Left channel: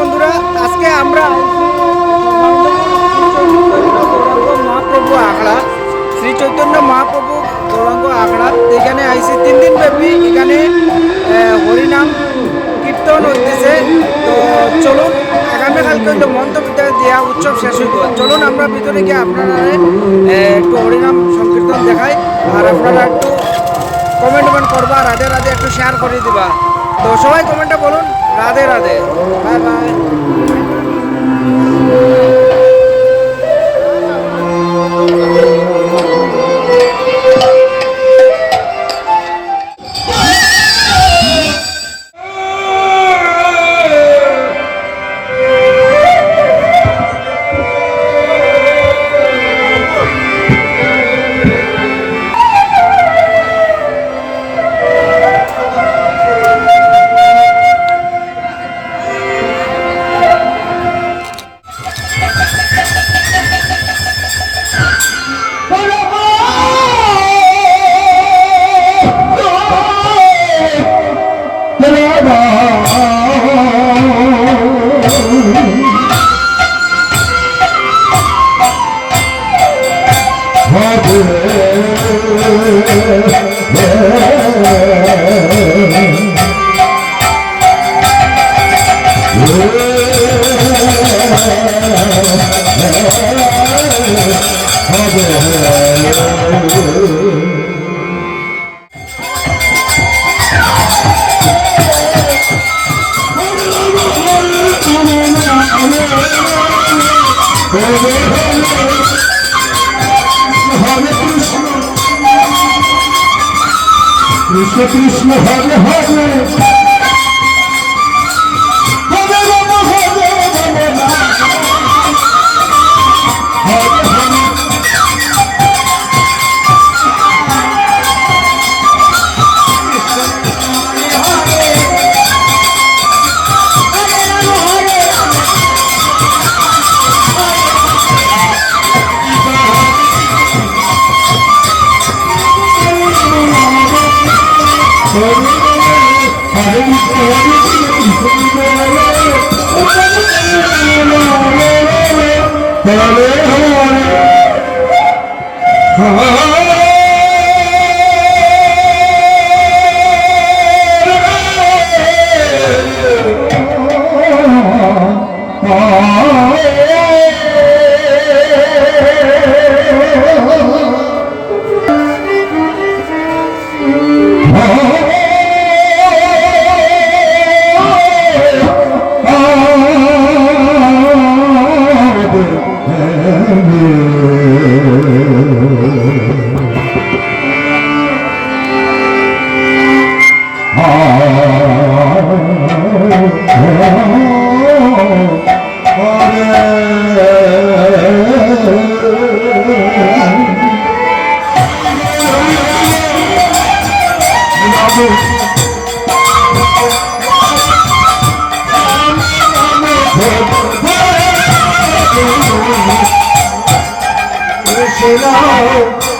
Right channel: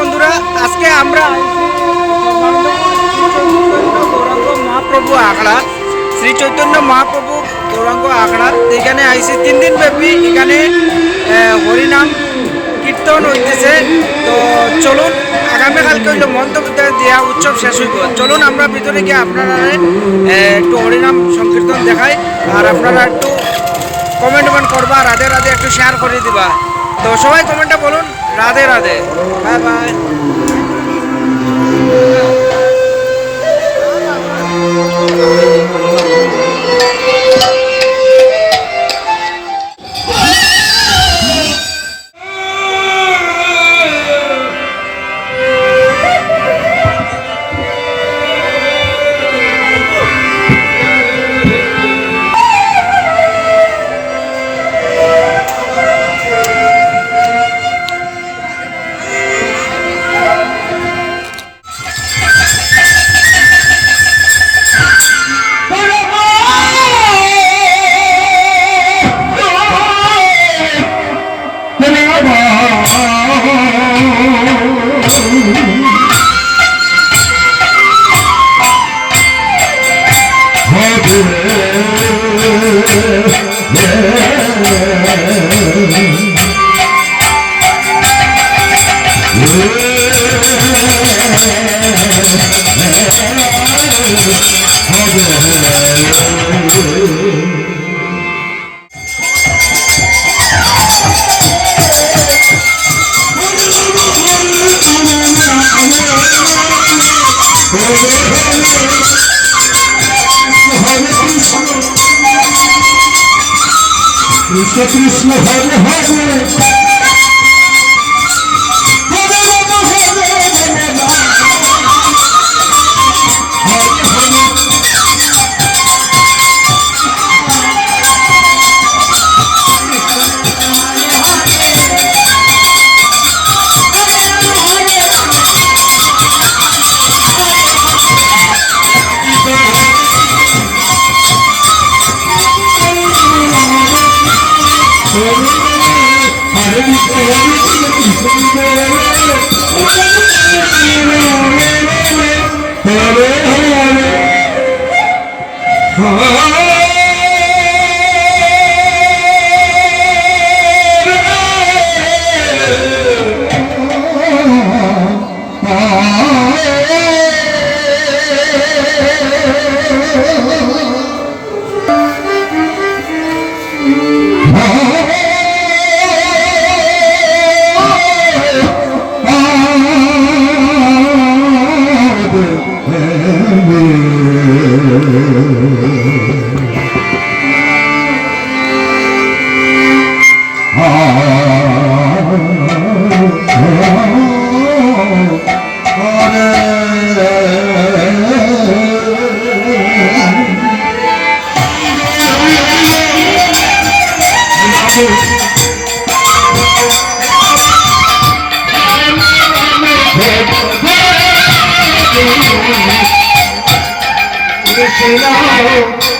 বন্ধুরা, আজকে আমরা মহাপ্রভু আখড়া, শ্রী চৈতন্য মহাপ্রভু গৌরাঙ্গ আখড়া। এখানে আইসি তিন দিন ব্যাপী এখানে হরিনাম কীর্তন হইতেছে। তো চলুন আগামীকালকে হইল মন্ত্রবিদ্যা দেওয়া উৎসব শেষ হইব। চলুন, আমরা ভিতরে গিয়ে আপনারা একটু হরিনাম সংকীর্তন দেখাই, আর আপনারা একটু কমেন্ট করবা রাধে রাধে একটু শেয়ার করে দিবা। তো সবাই কমেন্টে বলুন। Radhe Radhe bye bye Krishna Krishna Hare Hare Hare Hare Hare Krishna Hare Krishna Krishna Hare